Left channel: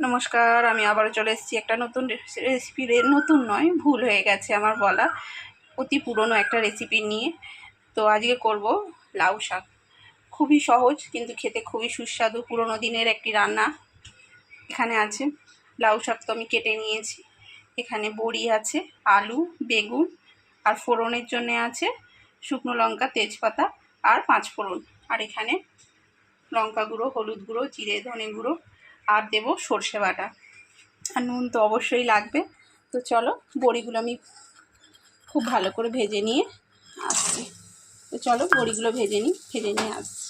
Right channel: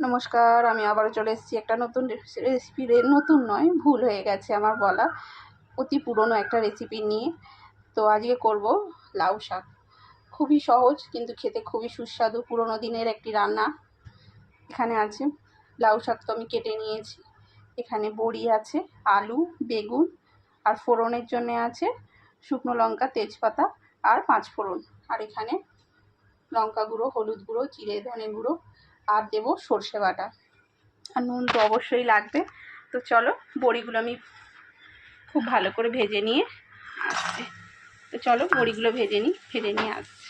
নমস্কার, আমি আবারও চলে এসেছি একটা নতুন রেসিপি নতুন নয়, ভুল হয়ে গেছে আমার বলা। অতি পুরনো একটা রেসিপি নিয়ে। তো আজকে করব লাউ শাক। খুবই সহজ, কিন্তু খেতে খুবই সুস্বাদু। পুরনো দিনের একটি রান্না এখানে আছে। লাউ শাক তো আমি কেটে নিয়েছি। এখানে বড়ি আছে, আলু, বেগুন আর ফোড়নের জন্য আছে শুকনো লঙ্কা, তেজপাতা আর পাঁচ ফোড়ন আর এখানে লঙ্কা গুঁড়ো, হলুদ গুঁড়ো, জিরে, ধনে গুঁড়ো আর দেবো সর্ষে বাটা। আর নুন তো অবশ্যই লাগবে। তো চলো, বড়িগুলো আমি খুব ভালো করে ভেজে নিয়ে আসছি। তো চলো, বড়িগুলো ভেজে নিই, ভেজে নিয়ে আসছি।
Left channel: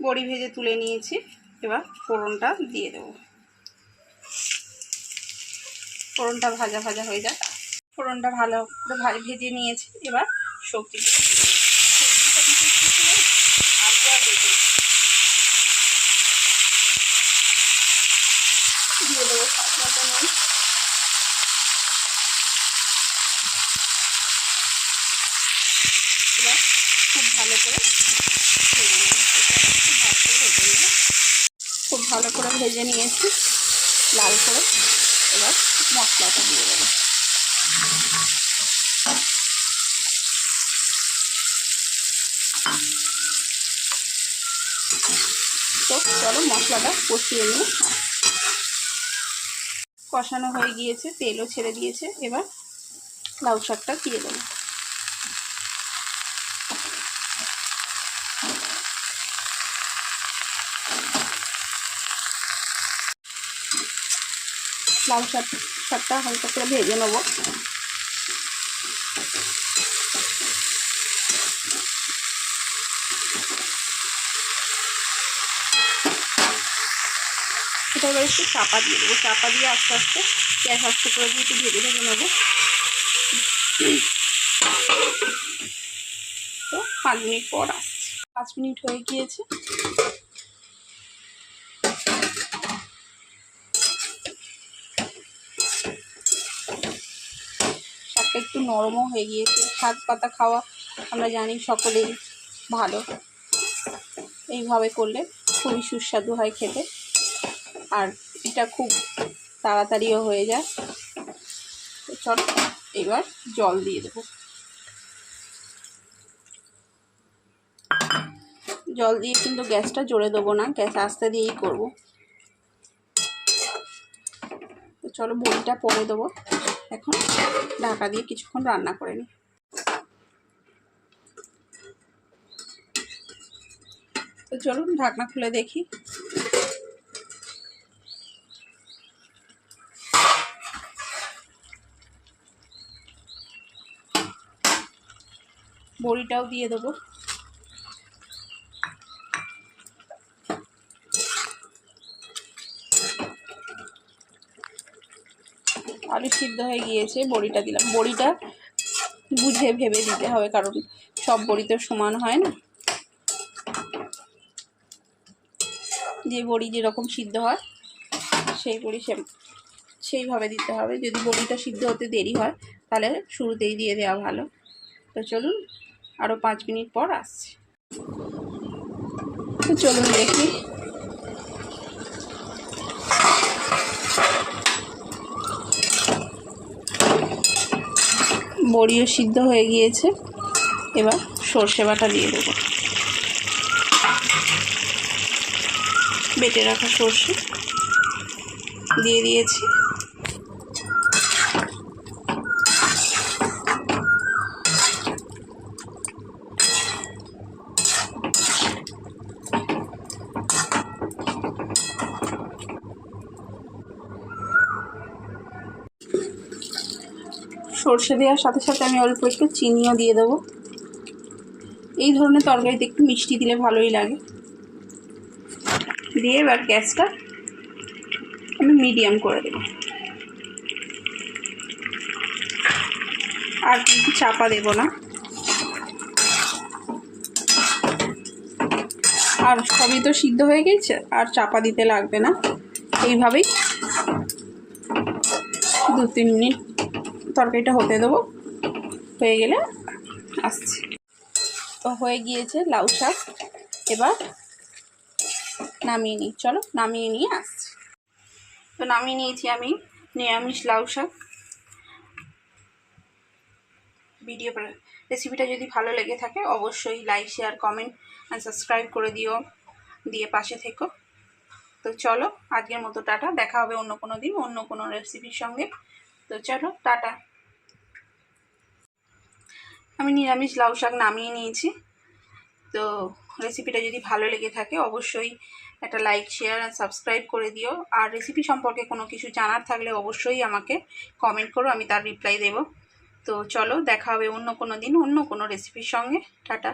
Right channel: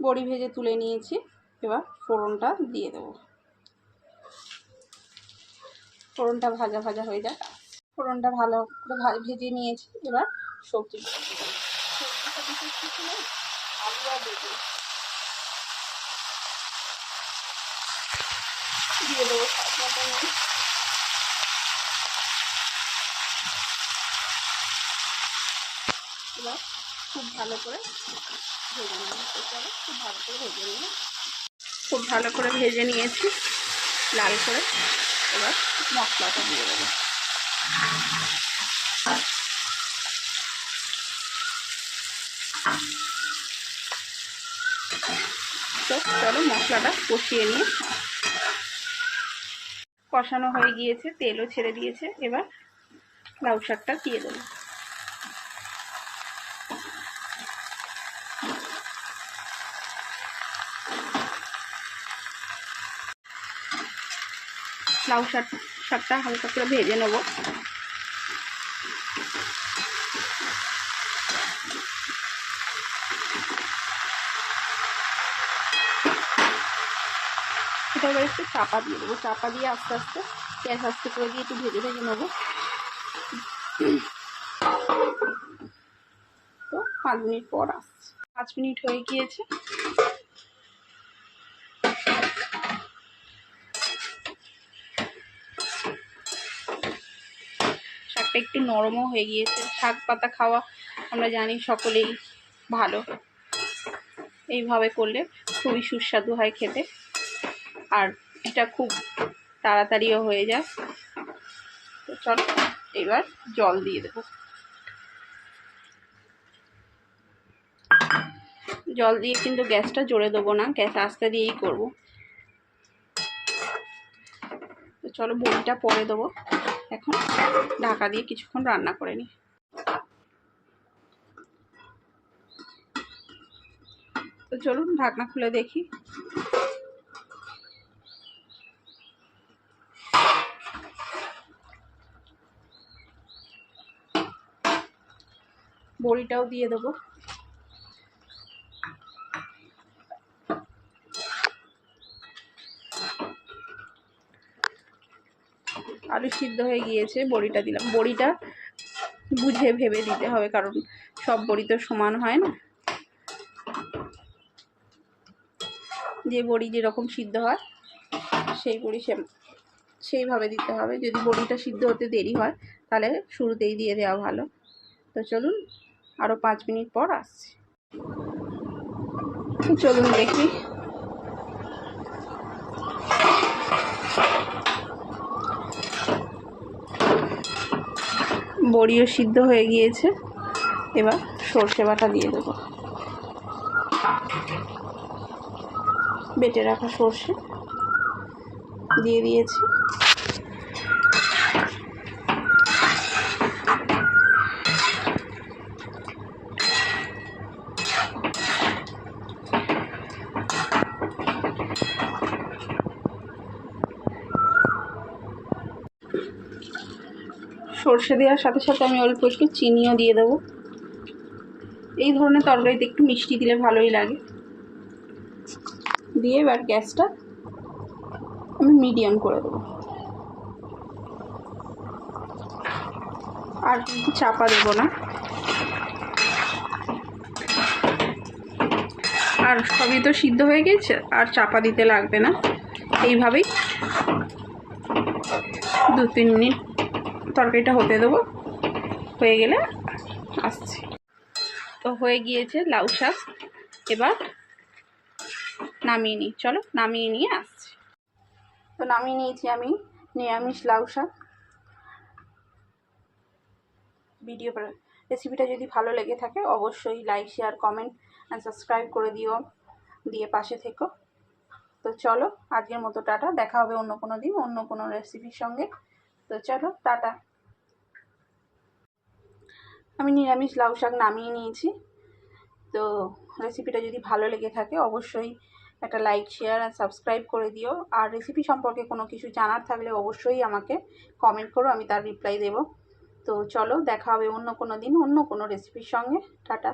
বড়ি ভেজে তুলে নিয়েছি, এবার ফোড়নটা দিয়ে দেবো। ফোড়নটা ভাজা ভাজা হয়ে যাক। ফোড়নটা ভালো করে ভেজে নিয়েছি, এবার সবজি আলু আর বেগুন দিয়ে দেবো স্বাদ মতো নুন এবার খুব ভালো করে ভেজে নেব খুব ভালো করে ভেজে নেব খুব ভালো করে ভেজে নিয়েছি, লাল করে। এবার মশলাটা দিয়ে দেবো। তো চলো মশলাটা কষিয়ে নিয়ে কষানো হয়ে গিয়েছে, তেলও ছেড়ে দিয়েছে। এবার লাউ শাকটা দিয়ে দেবো। লাউ শাক, শাকটা হালকা করে ভেজে নেব। এটা একটু চাপা দিয়ে দেবো। চাপা দিয়ে আস্তে আস্তে গ্যাস আস্তে করে দিয়ে একটু ভেজে ভেজে নেব। তো পাঁচ মিনিট পর আসছি। পাঁচ মিনিট হয়ে গিয়েছে। শাকটা একটু নরমও হয়ে গিয়েছে। শাক পাতা খাওয়া আমরা জানি সকলেই ভালো। এইভাবে করলে খুবই সুস্বাদু হয় খেতে। আর এটা খুব তাড়াতাড়িও হয়ে যায়। তো চলো, এবার জল দিয়ে দেবো। জল দিয়ে কিন্তু গ্যাসটা জোরে দেবো না, গ্যাস আস্তে দিয়েই করব। তো চলো বড়িটা পরে দেবো। এখন ঢাকা দিয়ে কিছুক্ষণ রান্না করে নিই। তো চলুন ঢাকনা খুলে দেখি। বড়িটাও দিয়ে দেবো। আলু সিদ্ধ হয়ে গিয়েছে, বড়িটা দিলাম। বড়িটা বুঝে ভেবে দিতে হবে, কারণ সব বড়ি তো সমান হয় না। যে বড়ি যেরকম সিদ্ধ হয়, সেই বড়ি সে সেইভাবে দিতে হবে। যদি বড়িটা সিদ্ধ হতে দেরি হয়, তাহলে শুরুতেই দিয়ে দেওয়া ভালো। তো চলুন আরও পাঁচ মিনিট পর আসছি। চলুন দেখি। বড়িও সিদ্ধ হয়ে গিয়েছে। এবার সর্ষে বাটা দিয়ে দেবো। বেটে রাখা সর্ষে। দিয়ে দিয়েছি। সর্ষে দেওয়ার সাথে সাথে আমি অল্প একটু চিনিও দিয়ে দেবো। এই ধরনের তরকারিতে একটু মিষ্টি দিলে ভালোই লাগে। দিয়ে এবার গ্যাসটা আমি মিডিয়াম করে দেবো। আর কিন্তু চাপা দেবো না। আর সবই তো সিদ্ধ হয়ে গেছে, আর চাপা দিতে লাগবে না। এইভাবেই দু তিন মিনিট তরকারিটা হতে দেবো। হয়ে গেলে আসছি। তো হয়ে গিয়েছে লাউ শাক। এবার নামিয়ে নিই। চলো, নামিয়ে নিয়ে আসছি। তো নামিয়ে নিয়েছি আমি নিরামিষ লাউ শাক। ভিডিও রেসিপিটা যদি ভালো লেগে থাকে, অবশ্যই like share comment and subscribe করে দিও। দিয়ে পাশে থেকো। তো চলো, আজকের মতো টাটা। দেখা হবে অন্য কোনো দিন, অন্য কোনো রেসিপির সঙ্গে। তো চলো, টাটা। আমি নিরামিষ লাউ শাক নামিয়ে নিয়েছি। তো রেসিপিটা যদি ভালো লেগে থাকে, অবশ্যই একটা লাইক শেয়ার আর সাবস্ক্রাইব করে দিও। আর রেসিপি সম্পর্কে কোনো কিছু জানার থাকলে অবশ্যই আমাকে কমেন্ট করো, আমি তার রিপ্লাই দেব। তো চলো, দেখা হবে অন্য কোনো দিন, অন্য কোনো রেসিপির সঙ্গে। টাটা।